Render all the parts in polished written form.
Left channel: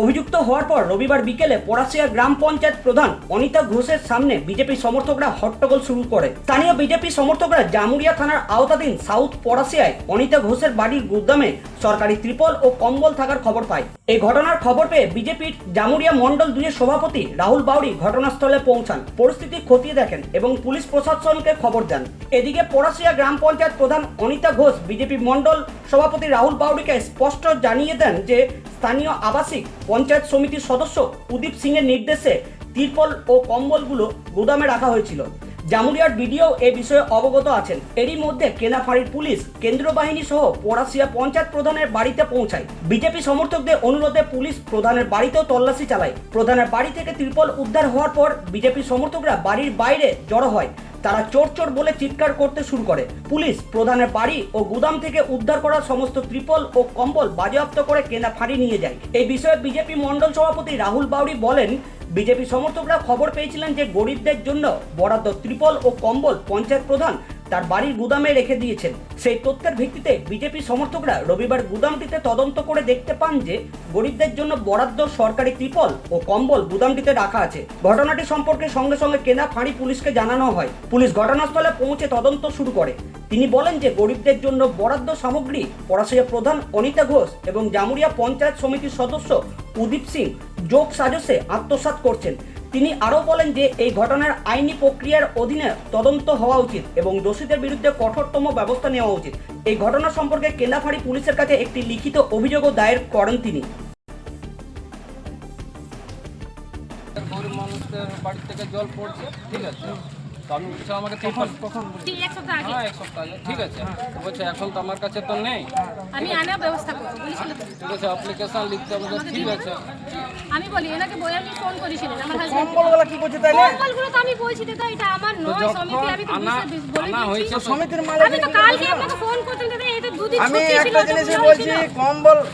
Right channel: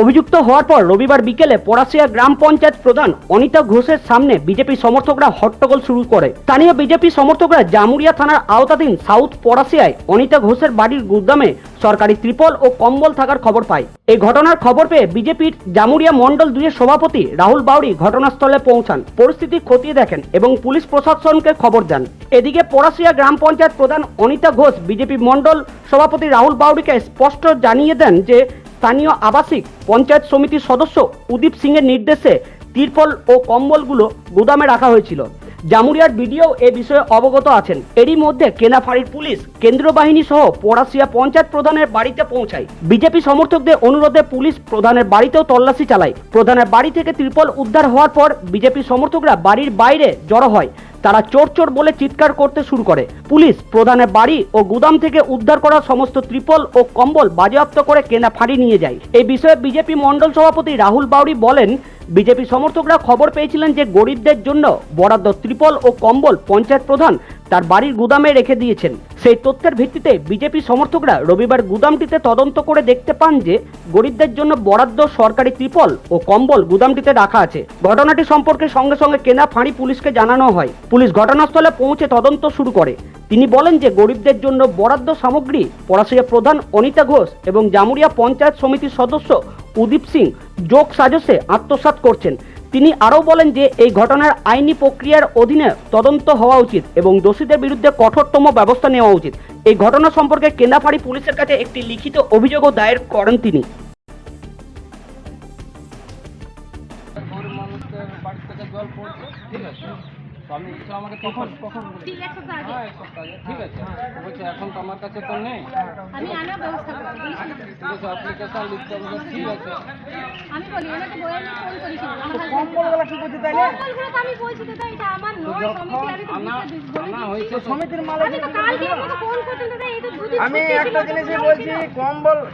অভিযুক্ত হওয়ার পর রবিবার বিকেলে পড়াশিয়া গ্রাম পঞ্চায়েত প্রধান অনিতা ঘোষের সামনে বিজেপি সমর্থকরা হট্টগোল শুরু করে। স্থানীয় বিজেপি সমর্থকরা জামুরিয়া থানার আওতাধীন সাউথ পড়াশিয়ায় অনিতা ঘোষের বাড়ির গুদামে সরকারি ত্রিপল ও কম্বল থাকার খবর পায়। এই ঘটনার খবর পেয়ে বিজেপির জামুরিয়া মন্ডল 2 এর সভাপতি রাহুল বাউরি ঘটনাস্থলে পৌঁছান, পরিস্থিতি খতিয়ে দেখেন এবং পুলিশ প্রশাসনকে খবর দেন। এদিকে পড়াশিয়া গ্রাম পঞ্চায়েত প্রধান অনিতা ঘোষ বিজেপি মন্ডল সভাপতি রাহুল বাউরিকে স্পষ্ট জানিয়ে দেন যে স্থানীয় আবাসিক পঞ্চায়েত সমিতির সদস্য উদীপ সিং এর নির্দেশে তিরপল ও কম্বলগুলো গুদামে রাখা হয়েছিল। জামুরিয়ার বিডিও এ বিষয়ে অবগত আছেন। এরই মধ্যে কেনাফাড়ির পুলিশ কেন্দ্রীয় বাহিনী সহ পড়াশিয়া পঞ্চায়েত প্রধানের বাড়িতে পৌঁছায়। বিজেপি সমর্থকদের অনুরোধে পুলিশ প্রধানের বাড়িতেও তল্লাশি চালায়। প্রধানের বাড়ি থেকে তিরপল উদ্ধার হওয়ার পর বিজেপি সমর্থকরা বাড়ির বাইরে জড়ো হয়। তারা চোর চোর বলে চিৎকার করতে শুরু করে। পুলিশ প্রধানের বাড়ি ও গুদাম থেকে উদ্ধার করা সমস্ত ত্রিপল ও কম্বল বাজেয়াপ্ত করে কেনাফাড়ি নিয়ে যায়। এই বিষয়ে বিজেপি মন্ডল সভাপতি রাহুল বাউরি বলেন, বিজেপি সমর্থকরা খবর পেয়েছিলেন যে গরিবদের জন্য বরাদ্দ ত্রিপল ও কম্বল পঞ্চায়েত প্রধান তার বাড়ির গুদামে রেখে দিয়েছেন। সেই তথ্যের ভিত্তিতে বিজেপি সমর্থকরা রবিবার গুদামটিতে তদন্ত করে দেখতে পান যে গরিবদের জন্য বরাদ্দ সরকারি ত্রিপল ও কম্বল গুদামটিতে রাখা আছে। ঘটনাটি সম্পর্কে সঙ্গে সঙ্গে কেনাফাড়ি পুলিশকে জানানো হয়। পুলিশ ঘটনাস্থলে পৌঁছে তদন্ত শুরু করে। তিনি বলেন যে গরিবদের জন্য বরাদ্দ সামগ্রী পড়াশিয়া প্রধান অনিতা ঘোষ এবং জামুরিয়া পঞ্চায়েত সমিতির সদস্য উদীপ সিং যোগ সাজসে আত্মসাৎ করছেন। তিনি আরও বলেন যে এই ঘটনার আইনি প্রক্রিয়ার অধীনে তদন্ত হওয়া উচিত এবং দোষীদের বিরুদ্ধে কঠোরতম ব্যবস্থা নেওয়া উচিত। এই ঘটনা সম্পর্কে কেন্দাফাড়ি পুলিশের কাছে একটি লিখিত অভিযোগও দায়ের করেন তিনি। গরিব মানুষদের বাড়ি থেকে জল পড়ছে, ঠিক আছে, তো আমি বলছি আমাকে তখন এক সপ্তাহ আগে এক সপ্তাহ আগে, ঠিক আছে, বলছে এখন তো আমার কাছে তো নেই, আমি আনার ব্যবস্থা করব বলেছিল। ঠিক আছে, অ্যাপ্লিকেশন লিখতে হবে, ঠিক আছে। আমি বলি ওনাকে বই আমি ফোন করেছিলাম, আমার হাজবেন্ড কম্বলগুলো কি করছে তাইলে? কম্বলগুলো তো আমি বলছি দাদা এটা আমার নয় সমিতি, আমি তো আনা বলে হয়েছে দিয়েছি। সমিতির মালিক আমি তো কালকে আপনাকে ফোন করছিলাম দাদা, এটা দুদিন আমি ছুটি ছিল, একটা জিনিসই বলছি,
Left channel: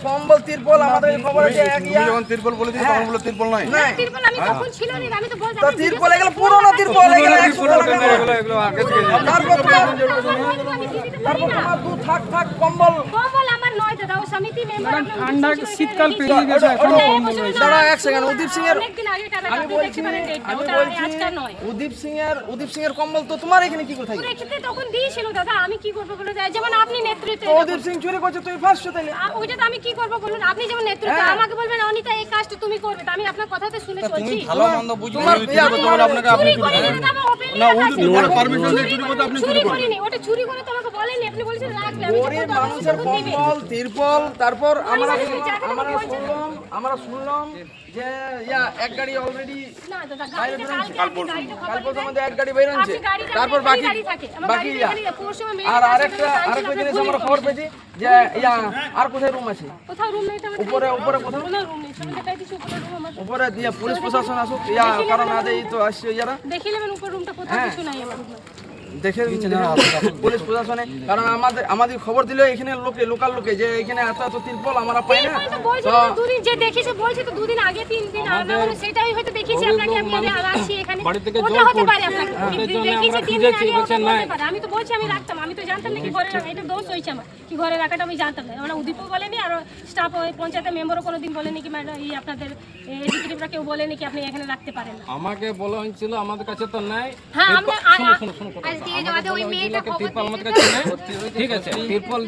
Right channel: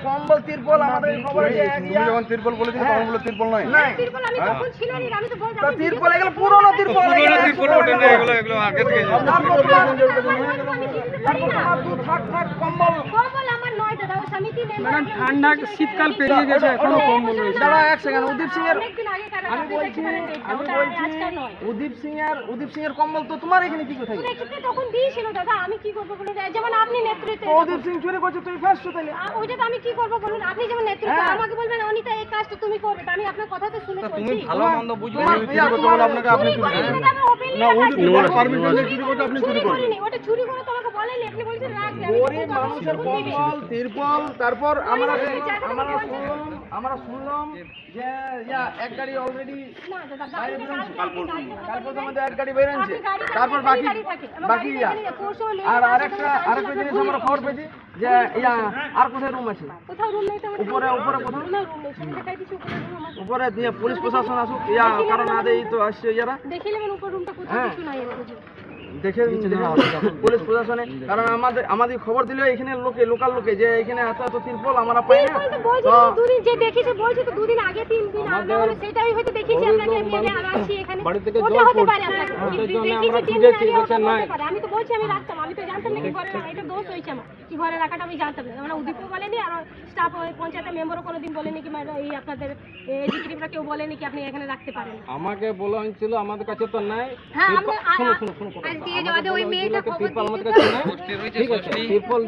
কম্বল তিরপল আমাদের খবর আছে একইয়া। যখন তিরপল বলেছি তখন বলে তিরপল নয়। না, তিরপল আমি তখন ছিল না, আমি তো বলছি তো তিরপল এগুলো পুরনো তিরপল, এগুলো 100 টাকা করে। এগুলো আগে দিয়ে তারপর তোমার আমি দিয়ে দিতে পারি না। দু থাক কম্বল। কম্বল আমার নয় দাদা, ও সমিতি মেম্বার ঠান্ডা শীতকাল পেরিয়ে গেছে, এখনো কম্বল রয়েছে। দাঁড়া এক সেকেন্ড, উদীপ সিং এর অনেকদিন আগে টাকা আমি আপনি দেখতে পারেন ডেটটা, আমি ওটা বলছি আজকে নয়। উদীপ সিং এর কম্বল তো তোমার এখানে কি কোথায়? ওরা ক্ষেত্রে তখন দিয়েছিল দাদা, আমি কি করবো বলে যায়, যেমন আপনি নেতৃত্বে তো উদীপ সিং চুরি করছে, তুই ফাঁসছো তাইলে? ওইটা তো আমি কি করবো বলুন, আপনি যেমন নেতৃত্ব আমাকে বলবেন অনিতা এই কাজটা তুমি করবে, তো আমি আপনার কথাতে শুনে চলছি। ভালো মন্দ বুঝলে তোমার আপনাকে চুরি করিনি দাদা, আমি openly বলছি। পারমিশন দিয়ে চুরি করতে আপনি চুরি করিনি, ওটা চুরি করে তো আমাকে বলেনি, আপনি বলেছেন রাখবে, আমি গরিব যখন মানুষের তখন দিবে। কম্বল তিরপল, তারপর আমরা বলছেন। শুনলাম যে এক গাড়ি অলরেডি না দাদা, গাড়িটা কাল কালকে আমাদের এক গাড়ি বের হচ্ছে, তারপর বাকি বাকি আর আরেকটা জিনিস আমরা খবর পেয়েছি যে আর কোথায় রুম আছে? কোথাও রুম নেই তো আমাদের উপরে কোথায়? কোনো রুম নেই, আমি দেখাই দিচ্ছি উপরে রুম আছে। উপরে দিয়ে পুলিশ প্রশাসন আসুক, কারণ আমাদের এই তো আসছে যারা দেখে নেবেন উপর রুমটা কোথাও কিছু নাই আমার রুমে। দেখে পুলিশ প্রশাসনে, কারণ আমাদের খবর দিলে এখানে লোকাল লোকে যে এখানে এত তিরপল আমরা পাই না। বলছি তো দুদিন যে দেখিছে, বলছি তো দুদিন আগে 3 দিন আগে হলো, সেটাই হয়তো দেখিছি আপনাকে, আমি আছি এখানে বাড়ি থেকে ওটা জল হতে পারে পড়ছে, আপনাকে ওটার জন্য দেখিছি আমরা 3 দিন খুঁজেছি, আগে বলছে ওটা নাই। হতে পারে। আমি তো বলছি আমি রাখতাম, আমি তো জানতাম না কি ঘরে রাখা, এটা দোষ হয়েছে আমার কি ঘরে রাখাটা আমি জানতাম না। মানে উদীপও বলেনি আর স্টাফ পঞ্চায়েতের মেম্বারও কোনোদিন বলেনি কি ম্যাডাম এই আপনাদের এক্সিকিউটিভরা কেউ বলেনি কি আপনি এখানে রাখতে পারেন না। আমাকে বলা হয়েছিল আমাদের কাছে তো নাই। হ্যাঁ আমরা শুনো কথা। আজকে আমাকে ওই বলা মেয়েটা হয়েছিল কি তিরপল আমাদের কাছে নাই, ঠিক আছে, তিরপল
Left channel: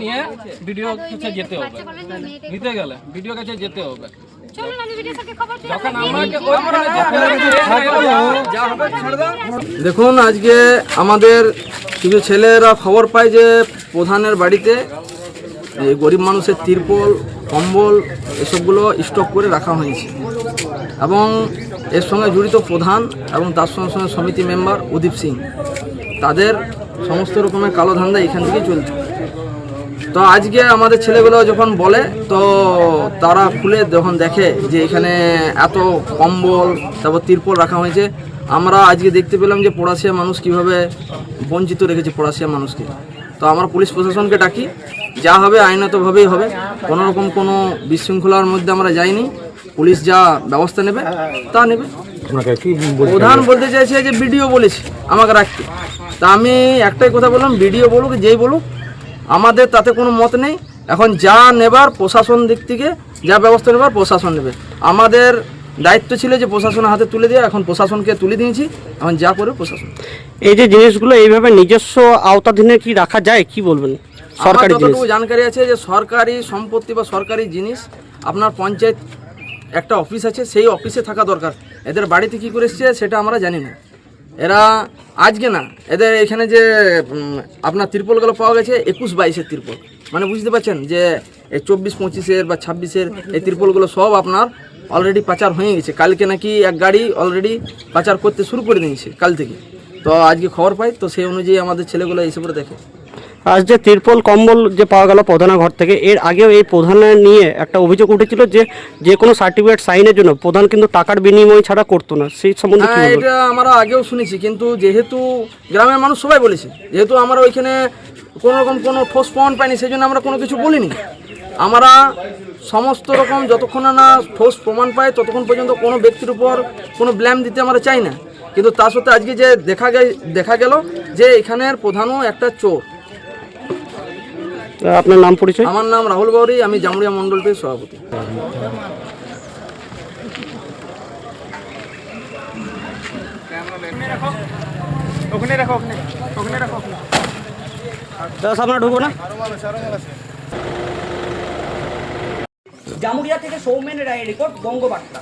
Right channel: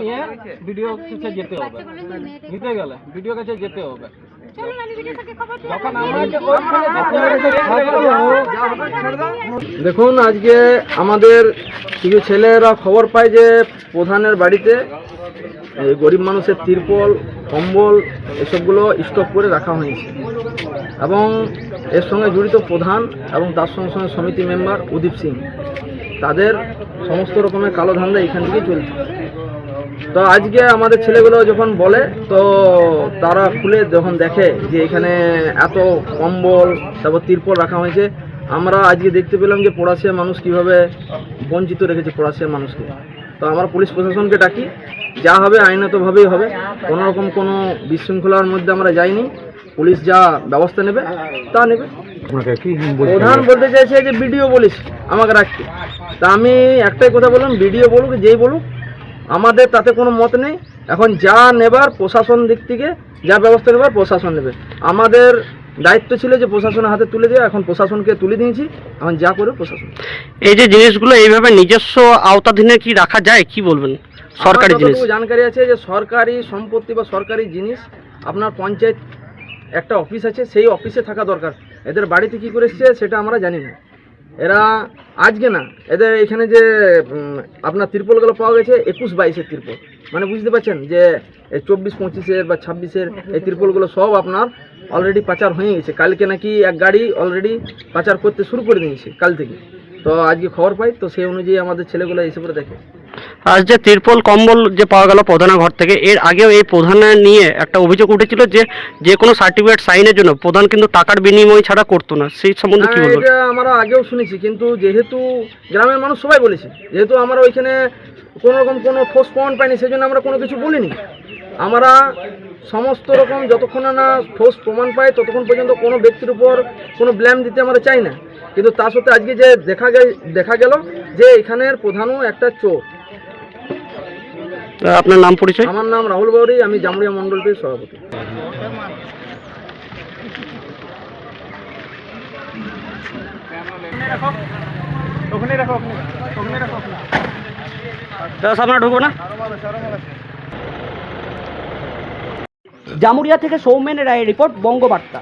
নিয়ে ভিডিও কাছে যেতে হবে, নিতে গেলে ভিডিও কাছে যেতে হবে। চলুন আমি ভিডিও থেকে খবর দিই। যখন আমাকে ওইখানে দেখুন, আজকে আমাদের কিছু ছেলেরা খবর পায় যে প্রধানের বাড়িতে এই গরিব মানুষের তিরপল কম্বল এসবগুলো স্টক করে রাখা হয়েছে এবং এর সঙ্গে জড়িত প্রধান এবং তার সঙ্গে সঙ্গে সমিতি মেম্বার উদীপ সিং, তাদের সমস্ত রকমের কালো ধান্দা এখান থেকে চলছে। তো আজকে আমাদের ছেলেগুলো যখন বলে, তো তারা খুলে যখন দেখে যে এখানে এত কম্বল তারপর তিরপল রাখা হয়েছে, আমরা আজকে দেখতে পেলাম যে পড়াশিয়া মানুষ কিভাবে বঞ্চিত রেখেছে পড়াশিয়া মানুষকে। তো আমরা পুলিশ প্রশাসনকে ডাকি, যা হবে আইনতভাবেই হবে, কোনো রকম কোনো বিশৃঙ্খলার মধ্যে আমরা যাইনি, পুলিশ যা ব্যবস্থা নেবে তা নেবে। প্রধান বলতে চাইছে যে বিডিও বলেছে আমাকে রাখতে, তা আমি একটাই কথা বললাম, বিডিও বলুক যেই বলুক আমাদের তাতে কোনো মত নেই। এখন যা নেবার প্রশাসন দিক থেকে যা ব্যবস্থা নেবার প্রশাসন নেবে। আমাদের দায়িত্ব ছিল যে প্রশাসনের হাতে তুলে দেওয়া, এখন প্রশাসনকে তুলে দিয়েছি, এখন যা করে প্রশাসন। এই যে জিনিসগুলো এইভাবে নিজস্ব আওতাধীনে কি রাখা যায়, কি বলবেন? সরকারি আমার জিনিস যতটুকু জানকারি আছে যে সরকারি সম্পত্তি বা সরকারি জিনিস আপনার পঞ্চায়েত একটা অফিস আছে, সেই অফিসে থাকা দরকার। এদের বাড়িতে কি করে এসছে সেটা আমরা জানি না। এরা আজকে না, এদের এখানে যে আপনার তিরপলগুলো পাওয়া গেছে 21-22-এর তিরপল, মানে বুঝতে পারছেন যে এই 24-25-এর বা 26-এর এই তিরপলগুলো সব আপনার অলরেডি পাচার হয়ে গেছে। কালকে নাকি এক গাড়ি অলরেডি পাচার করতে শুরু করে দিয়েছে কাল থেকে। তো আজকে খবর পাই, তো সেই অনুযায়ী আমাদের ছেলেগুলো এইসব দেখে। আজ যে তিরপল কম্বল যে পাওয়া গেল প্রধানের ঘর থেকে, এর আগেও এই প্রধানের নিয়ে একটা অভিযোগ উঠেছিল যে যে কোনো সার্টিফিকেট সাইনের জন্য প্রধান কিন্তু টাকার বিনিময় ছাড়া করতো না, সেই সম্বন্ধে কি বলবেন? এটা আমরা আগেও শুনেছি, কিন্তু যেহেতু গ্রামের মানুষ সবাই বলেছে, যেহেতু আমরা ওইখানে কোনো রকম কোনো ঠোস প্রমাণ পাইনি, সেই জন্য আমরা কোনো কিছু বলিনি। আমরা সমস্ত রকম যতক্ষণ না ঠোস প্রমাণ পাই ততক্ষণ পর্যন্ত কোনো ব্যক্তির উপর কোনো ব্লেম দিতে আমরা চাই না। কিন্তু তার সাথে আজকে যে দেখা গেল যে এখানের প্রধানও একটা চোর। আপনার নাম পরিচয়? আমার নাম রাহুল বাউরি, আমি জামুরিয়া মণ্ডলটির সভাপতি। আপনার ঢুকবো না। জামুরিয়া থেকে সৌমেন রায়ের রিপোর্ট, বঙ্গবার্তা।